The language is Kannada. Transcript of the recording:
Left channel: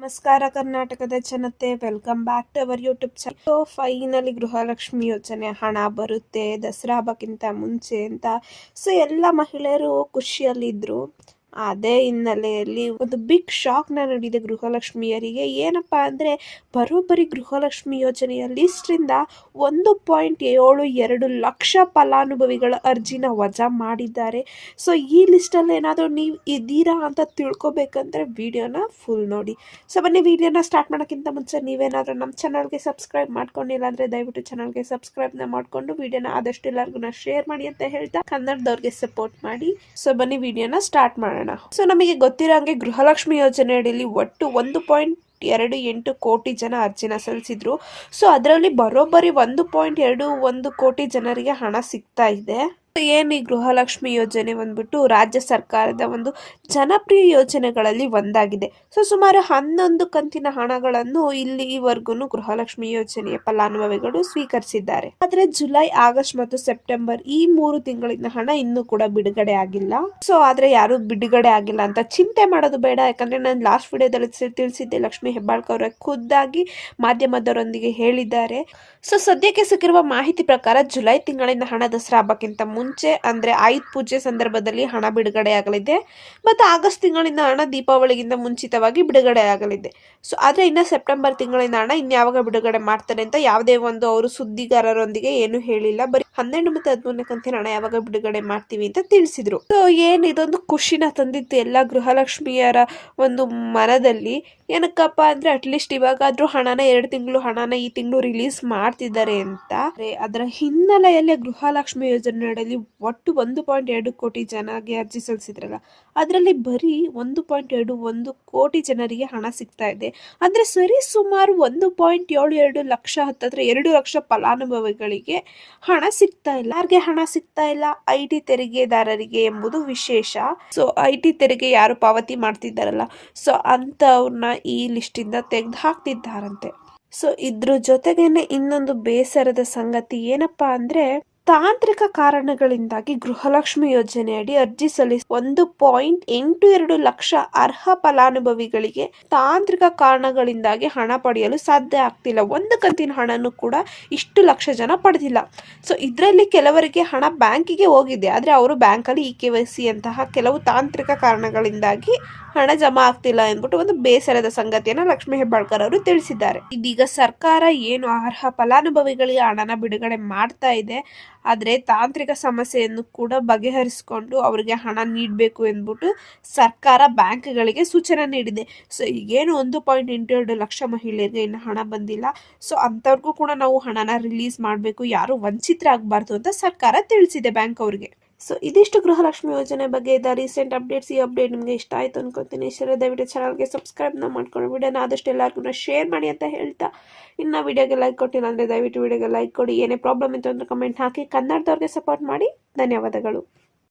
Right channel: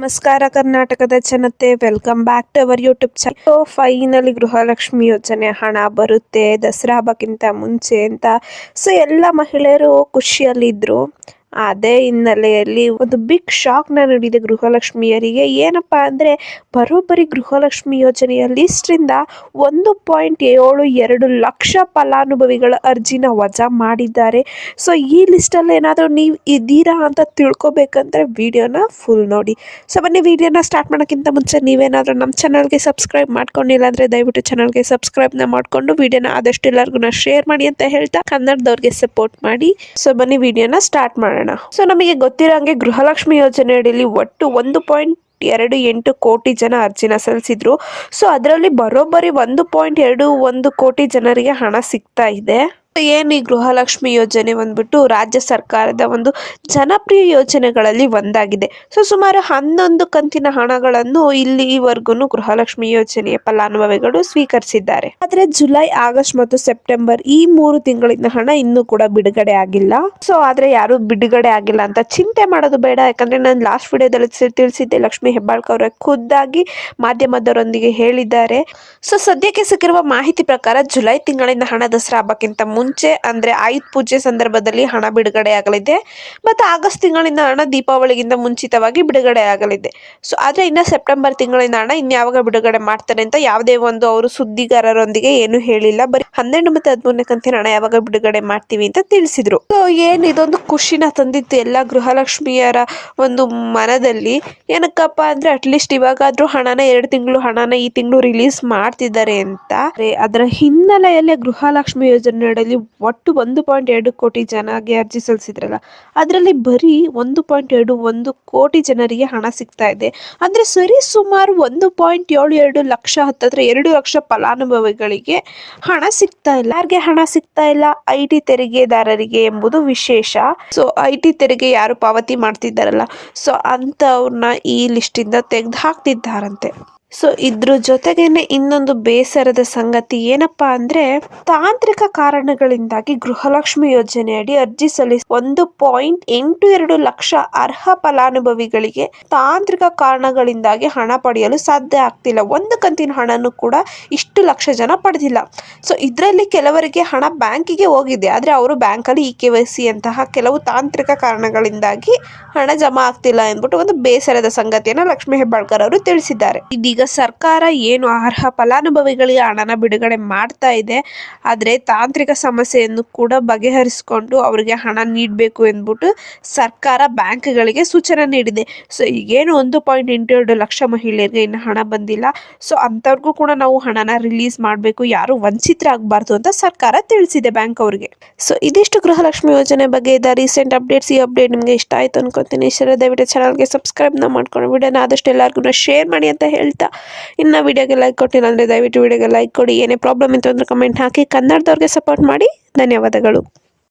ನಮಸ್ಕಾರ ಕರ್ನಾಟಕದ ಜನತೆ, welcome back to our YouTube channel. Finally Gruha Lakshmi ಯೋಜನೆ ಹಣ ಬರುತ್ತೆ ದಸರಾ ಹಬ್ಬಕ್ಕಿಂತ ಮುಂಚೆ ಅಂತ. ಸೊ ಎಲ್ಲ ಮಹಿಳೆಯರು ಖುಷಿಯಲ್ಲಿದ್ದರು. ಅದೇ ಹಿನ್ನೆಲೆಯಲ್ಲಿ ಒಂದು ಬಿಗ್ ಶಾಕ್ನ ನೀಡಿದೆ ಗೃಹಲಕ್ಷ್ಮಿಯರಿಗೆ. ಏನಪ್ಪಾ ಅಂದರೆ, ಬರೋಬ್ಬರಿ ಗೃಹಲಕ್ಷ್ಮಿ ಯೋಜನೆಯ ಲಿಸ್ಟ್ರಿಂದ 1.72 ಲಕ್ಷ ಫಲಾನುಭವಿಗಳ ಅರ್ಜಿನ ವಜಾ ಮಾಡಿದ್ದಾರೆ. ಸೊ ಈ ಲಿಸ್ಟಲ್ಲಿ ಏನಾದರೂ ನೀವು ಇದ್ದೀರಾ ಅಂತ ತಿಳ್ಕೊಬೇಕಂದ್ರೆ ವಿಡಿಯೋನ ಫುಲ್ ನೋಡಿ. ಸೊ ಬನ್ನಿ, ವಿಡಿಯೋನ ಸ್ಟಾರ್ಟ್ ಮಾಡೋಕ್ಕಿಂತ ಮುಂಚೆ ನೀವೇನಾದರೂ ನಮ್ಮ ಚಾನಲ್ಗೆ ಸಬ್ಸ್ಕ್ರೈಬ್ ಮಾಡ್ಕೊಂಡಿಲ್ಲ ಅಂದರೆ ದಯವಿಟ್ಟು ಚಾನಲ್ಗೆ ಸಬ್ಸ್ಕ್ರೈಬ್ನ ಮಾಡಿಕೊಂಡು ವಿಡಿಯೋನ ಆದಷ್ಟು ಎಲ್ಲರಿಗೂ ಶೇರ್ ಮಾಡಿ ಅಂತ ಹೇಳ್ತಾ ಕನ್ನಡದವ್ರಿಗೆ ಸಪೋರ್ಟ್ ಮಾಡಿ. ಸೊ ಬನ್ನಿ, ವಿಡಿಯೋನ ಸ್ಟಾರ್ಟ್ ಮಾಡೋಣ. ಸೊ ನಮಗೆ ಗೊತ್ತಿರೋಂಗೆ ಗೃಹಲಕ್ಷ್ಮಿ ಯೋಜನೆ ಅಡಿಯಲ್ಲಿ ಒಟ್ಟು 1.28 ಕೋಟಿ ಜನ ಅರ್ಜಿನ ಸಲ್ಲಿಸಿದ್ರು. ಸೊ ಅದರಲ್ಲಿ ಬರೋಬ್ಬರಿ 1.21 ಕೋಟಿ ಜನರಿಗೆ ಹಣ ಸಿಗ್ತಾ ಇದೆ. ಏನು ಈ ಗೃಹಲಕ್ಷ್ಮಿ ಯೋಜನೆ ಬಂದ್ಬಿಟ್ಟು ರಾಜ್ಯ ಸರ್ಕಾರದ ಒಂದು ಜನಪ್ರಿಯ ಯೋಜನೆಗಳಲ್ಲಿ ಒಂದಾಗಿದೆ. ಸೊ ಸುಮಾರು 11 ಕಂತಿನ ಹಣಗಳನ್ನು ಇಲ್ಲಿವರೆಗೂ ಗೃಹಲಕ್ಷ್ಮಿ ಯೋಜನೆಯ ಫಲಾನುಭವಿಗಳು ಸ್ವೀಕರಿಸಿದ್ದಾರೆ. ಆದರೆ ಜುಲೈ, ಆಗಸ್ಟ್ ಮತ್ತು ಸೆಪ್ಟೆಂಬರ್ ಈ 3 ತಿಂಗಳಿನ ಹಣ ಇನ್ನೂ ಕೂಡ ಬಿಡುಗಡೆ ಆಗಿಲ್ಲ. ಸೊ ಆದ್ರೆ ಯಾರು ಬಿಡುಗಡೆ ಆಗಿಲ್ಲ ಅಂತ ಚಿಂತೆ ಮಾಡೋದು ಬೇಡ. ಯಾಕಂದ್ರೆ ನಾನು ಲಾಸ್ಟ್ ವಿಡಿಯೋದಲ್ಲಿ ತಿಳಿಸಿದ್ದೆ, ಲಕ್ಷ್ಮಿ ಹೆಬ್ಬಾಳ್ಕರ್ ಅವರ ಖುದ್ದಾಗಿ ಮಾಧ್ಯಮದವರೊಂದಿಗೆ ಹೇಳಿದ್ದಾರೆ. ಸೊ ಸದ್ಯಕ್ಕೆ ಸಿಕ್ಕಿರುವ ಮಾಹಿತಿ ಪ್ರಕಾರ ಜುಲೈ ತಿಂಗಳಿನ ಹಣ ದಸರಾ ಹಬ್ಬಕ್ಕಿಂತ ಮುಂಚೆ ಅಂದ್ರೆ ಆಯುಧ ಪೂಜೆ ಸಂದರ್ಭದಲ್ಲಿ ಹಣ ಬಿಡುಗಡೆ ಆಗಲಿದೆ. ಮತ್ತು ಆಗಸ್ಟ್ ತಿಂಗಳಿನ ಹಣ ದೀಪಾವಳಿಗಿಂತ ಮುಂಚಿತವಾಗಿ ಬಿಡುಗಡೆ ಆಗಲಿದೆ. ಸೊ ಆದ್ರೆ ಇನ್ನು ಸೆಪ್ಟೆಂಬರ್ ತಿಂಗಳಿನ ಹಣ ಇನ್ಯಾವಾಗ ಬಿಡುಗಡೆ ಮಾಡ್ತಾರೆ ಅಂತ ಯಾವುದೇ ಒಂದು ಅವರು ಸುದ್ದಿಗಾರರೊಂದಿಗೆ ಏನು ಹೇಳಿಲ್ಲ. ಬರೀ 12 ಮತ್ತು 13ನೇ ಕಂತಿನ ಹಣ ಯಾವಾಗ ಬಿಡುಗಡೆ ಮಾಡ್ತೀವಿ ಅಂತ ತಿಳಿಸಿದ್ರು. ಸೊ ಏನು ಇದೊಂದು ಖುಷಿನ ತಂದಿತ್ತು ಎಲ್ಲ ಗೃಹಲಕ್ಷ್ಮಿಯರ ಒಂದು ಮನದಲ್ಲಿ. ಏನಕ್ಕಪ್ಪ ಅಂದ್ರೆ ಅಟ್ಲೀಸ್ಟ್ ಇವಾಗಾದ್ರೂ ಹಣನ 2 ತಿಂಗಳು ಹಣನ ಈ ತಿಂಗಳು ರಿಲೀಸ್ ಮಾಡ್ತಿದ್ದಾರೆ ಅಂತ. ಅದರ ಹಿನ್ನೆಲೆಯಲ್ಲಿ ಗೃಹಲಕ್ಷ್ಮಿ ಯೋಜನೆ ಒಟ್ಟು 1.2 ಕೋಟಿ ಜನಗೆ ಅರ್ಜಿ ಸಲ್ಲಿಸಿದ್ರಲ್ಲ, ಅದರಲ್ಲಿ ಬರೀ 1.21 ಕೋಟಿ ಜನರಿಗೆ ಹಣ ಸಿಗ್ತಾ ಇದೆ. ಅಂದ್ರೆ ಸರಿ ಸುಮಾರು 1.72 ಲಕ್ಷ, ಹತ್ತತ್ರ 2 ಲಕ್ಷ ಫಲಾನುಭವಿಗಳಿಗೆ ಹಣ ಸಿಗ್ತಾ ಇಲ್ಲ. ಯಾರಿಗೆ ಹಣ ಸಿಗ್ತಾ ಇಲ್ಲ? IT ತೆರಿಗೆದಾರರಿಗೆ ಎಂಬುದು ವಿಶೇಷ. ಸೊ IT ತೆರಿಗೆ ಯಾರು ಪಾವತಿ ಮಾಡ್ತಿದ್ದಾರಲ್ಲ, ಸೊ ಅಂತವ್ರನ್ನ ಈ ಲಿಸ್ಟ್ ಇಂದ ತೆಗೆದು ಹಾಕ್ತಿದ್ದಾರಂತೆ. ಸೊ ಇದ್ರ ಜೊತೆಗೇನೆ ಇನ್ನೊಂದು ಬೇಸರದ ಸಂಗತಿ ಏನಪ್ಪಾ ಅಂದ್ರೆ, ತಾಂತ್ರಿಕ ಕಾರಣಗಳಿಂದಾಗಿ ಗೃಹಲಕ್ಷ್ಮಿ ಯೋಜನೆಯಡಿ ಅರ್ಜಿ ಸಲ್ಲಿಸಿ 1.82 ಲಕ್ಷ ಅರ್ಹ ಫಲಾನುಭವಿಗಳಿಗೆ ತಾಂತ್ರಿಕ ಕಾರಣಗಳಿಂದಾಗಿ ಹಣ ಪಡೆಯಲು ಸಾಧ್ಯ ಆಗ್ತಿಲ್ಲ. ಒಂದು ಕಂತಿನ ಹಣನೂ ಕೂಡ ಇಷ್ಟು ಲಕ್ಷ ಜನ ಪಡೆದಿಲ್ಲ. ಸೊ ಇದರಲ್ಲಿ ಕೆಲವರಿಗೆ ಹಣ ಬ್ಯಾಂಕಿಗೆ ಹೋಗಿದೆ, ಆದರೆ ಅವರು ಬ್ಯಾಂಕಲ್ಲಿ EKYC ಅಂತಹ ಕೆಲವು ತಾಂತ್ರಿಕ ಕಾರಣಗಳಿಂದಾಗಿ ಹಣ ಜಮಾ ಆಗ್ತಿಲ್ಲ ಎಂದ್ಬಿಟ್ಟು ಒಂದು ಬೇಸರದ ಸಂಗತಿಯನ್ನು ಲಕ್ಷ್ಮಿ ಹೆಬ್ಬಾಳ್ಕರ್ ಅವರು ತಿಳಿಸಿದ್ದಾರೆ. ಇದೀಗ ಸರ್ಕಾರ ಏನು ಅರ್ಹ ಫಲಾನುಭವಿಗಳಿಗೆ ಹಣನ ಬಿಡುಗಡೆ ಮಾಡ್ತಾ ಇದೆ, ಆದರೆ ತಾಂತ್ರಿಕ ಸಮಸ್ಯೆಯನ್ನು ಕೂಡ ಬಗೆಹರಿಸಿಕೊಂಡು ಅವರಿಗೆ ಹಣ ನೀಡಬೇಕು ಎಂದ್ಬಿಟ್ಟು ಸರ್ಕಾರ ಬ್ಯಾಂಕ್ಗಳಿಗೆ ಸೂಚನೆ ನೀಡಿದೆ. ಸೊ ಈಗೇನು 1.82 ಲಕ್ಷ ಮಹಿಳೆಯರಿಗೆ ಇನ್ನು ಹಣ ಬಂದಿಲ್ಲ. ಸೊ ಅಂಥವ್ರಿಗೂ ಕೂಡ ನಾವು ಹಣನ ರಿಲೀಸ್ ಮಾಡಬೇಕು, ಯಾರು ವಂಚಿತರಾಗಬಾರ್ದು ಅಂತ ಸರ್ಕಾರ ತಿಳಿಸಿದೆ ಬ್ಯಾಂಕ್ ಅವರಿಗೆ. ಸೊ ಇದಿಷ್ಟು ಗೃಹಲಕ್ಷ್ಮಿ ಯೋಜನೆ ಬಗ್ಗೆ ಇದ್ದ ರೀಸೆಂಟ್ ಅಪ್ಡೇಟ್ಸ್. ಈ ಅಪ್ಡೇಟ್ ನಿಮಗೆ ಇಷ್ಟ ಆಯ್ತು ಅನ್ಕೋತೀನಿ. ಇಷ್ಟ ದಯವಿಟ್ಟು ಚಾನಲ್ಗೆ ಸಬ್ಸ್ಕ್ರೈಬ್ನ ಮಾಡ್ಕೊಂಡು ವಿಡಿಯೋನ ಆದಷ್ಟು ಎಲ್ಲರಿಗೂ ಶೇರ್ ಮಾಡಿ ಅಂತ ಹೇಳ್ತಾ, ಇನ್ನು ವಿಡಿಯೋಗೆ ಲೈಕ್ ಕೊಟ್ಟಿಲ್ಲ ಅಂದರೆ ದಯವಿಟ್ಟು ವಿಡಿಯೋಗೆ ಲೈಕ್ ಕೊಡಿ. ಏನೇ ಪ್ರಾಬ್ಲಮ್ ಇತ್ತು ಅಂದರೆ ಕಮೆಂಟ್ ಹಾಕಿ. ಕನ್ನಡದವ್ರಿಗೆ ಸಪೋರ್ಟ್ ಮಾಡಿ. ಧನ್ಯವಾದಗಳು.